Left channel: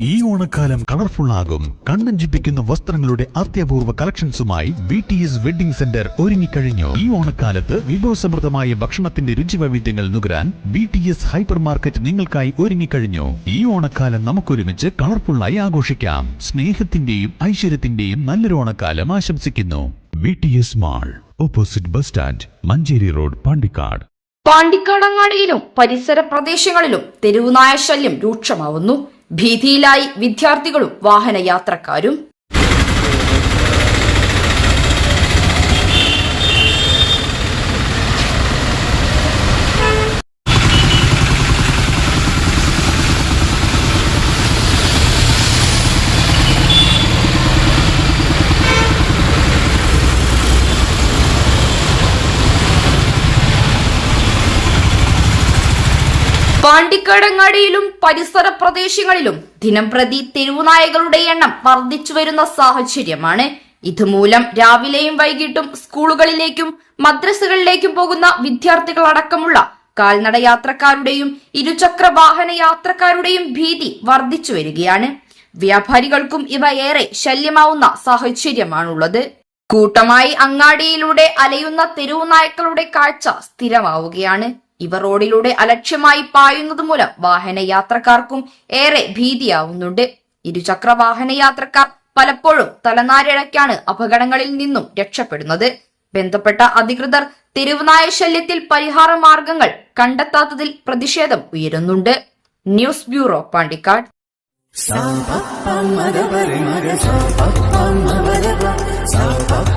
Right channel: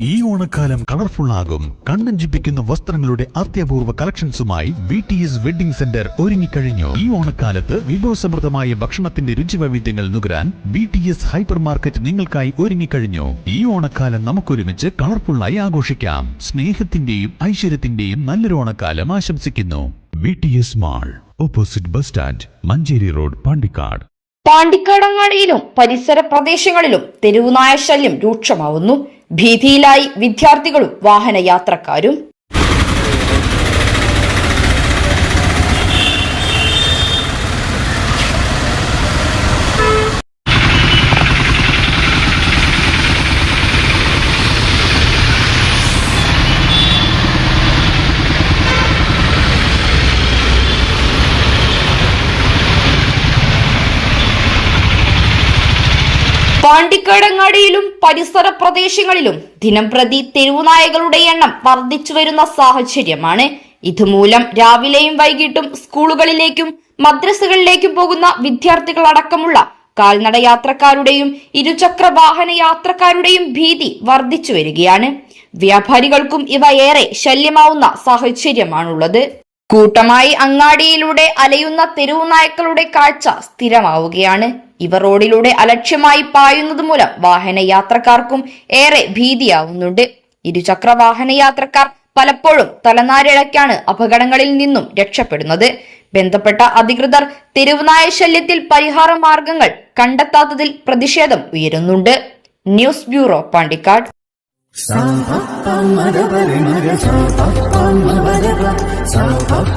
ഈ ഓണക്കാലം കളർഫുൾ ആകും. കണ്ണഞ്ചിപ്പിക്കുന്ന വസ്ത്രങ്ങളുടെ അത്യപൂർവ കളക്ഷൻസുമായി BTS വെഡിംഗ് സെന്റർ ഒരുങ്ങിക്കഴിഞ്ഞു. ഈ ഓണക്കാലത്ത് വിഭവസമൃദ്ധമായ ഭക്ഷണത്തിന്റെ രുചിവൈവിധ്യങ്ങൾ നുകരാൻ BTS ഹൈപ്പർ മാർക്കറ്റ് നിങ്ങൾക്കായി ഒരുങ്ങിക്കഴിഞ്ഞു. ഈ ഓണക്കാലം നമുക്കൊരുമിച്ച് കളർഫുള്ളായി ആഘോഷിക്കാം. സ്നേഹത്തിന്റെയും ഐശ്വര്യത്തിന്റെയും നല്ലൊരു ഓണക്കാലം ആശംസിക്കുന്നു. BTS mall, opposite bus stand, Manjeri road, Pandikkad. പാണ്ടിക്കാടങ്ങാടിയിലും പരിസര പ്രദേശങ്ങളിലും തെരുവുനായ ശല്യം രൂക്ഷമാവുന്നു. ഭീതിയിലായി വിദ്യാർത്ഥികളും വാഹനയാത്രക്കാരും. പാണ്ടിക്കാടങ്ങാടിയിലും പരിസര പ്രദേശങ്ങളിലും ദിനംപ്രതി തെരുവുനായകളുടെ എണ്ണം വർദ്ധിച്ചു വരുന്ന സാഹചര്യമാണ്. ഇതുമൂലം രാവിലെയും വൈകിട്ടും സ്കൂളുകളിലേക്കും മദ്രസകളിലേക്കും പോകുന്ന വിദ്യാർത്ഥികളടക്കമുള്ള കാൽനട യാത്രക്കാരുടെയും ഇരുചക്ര വാഹന യാത്രക്കാരുടെയും ഭീതി വർദ്ധിച്ചു വരികയാണ്. വ്യാപാരികൾക്കും ഇവ ഏറെ ശല്യമാവുന്ന സാഹചര്യമാണുള്ളത്. കൂട്ടമായി അങ്ങാടിയിലൂടെ അലയുന്ന തെരുവുനായ്ക്കളുടെ കാഴ്ച സ്ഥിരമാവുകയാണ്. ഇവ റോഡിലൂടെ അലക്ഷ്യമായി പായുന്നത് മൂലം വാഹനയാത്രക്കാർക്കും ഏറെ ഭീതിയാവുന്നുണ്ട്. ഇരുചക്ര വാഹനയാത്രക്കാർ പലപ്പോഴും തലനാരിഴയ്ക്കാണ് അപകടങ്ങളിൽ നിന്നും രക്ഷപ്പെടുന്നത്. ബന്ധപ്പെട്ട അധികൃതർ തെരുവുനായ ശല്യത്തിൽ പരിഹാര മാർഗങ്ങൾ കണ്ടെത്താത്തതിൽ പ്രതിഷേധം ഉയരുന്നുണ്ട്. News bureau, Pandikkad. Stop.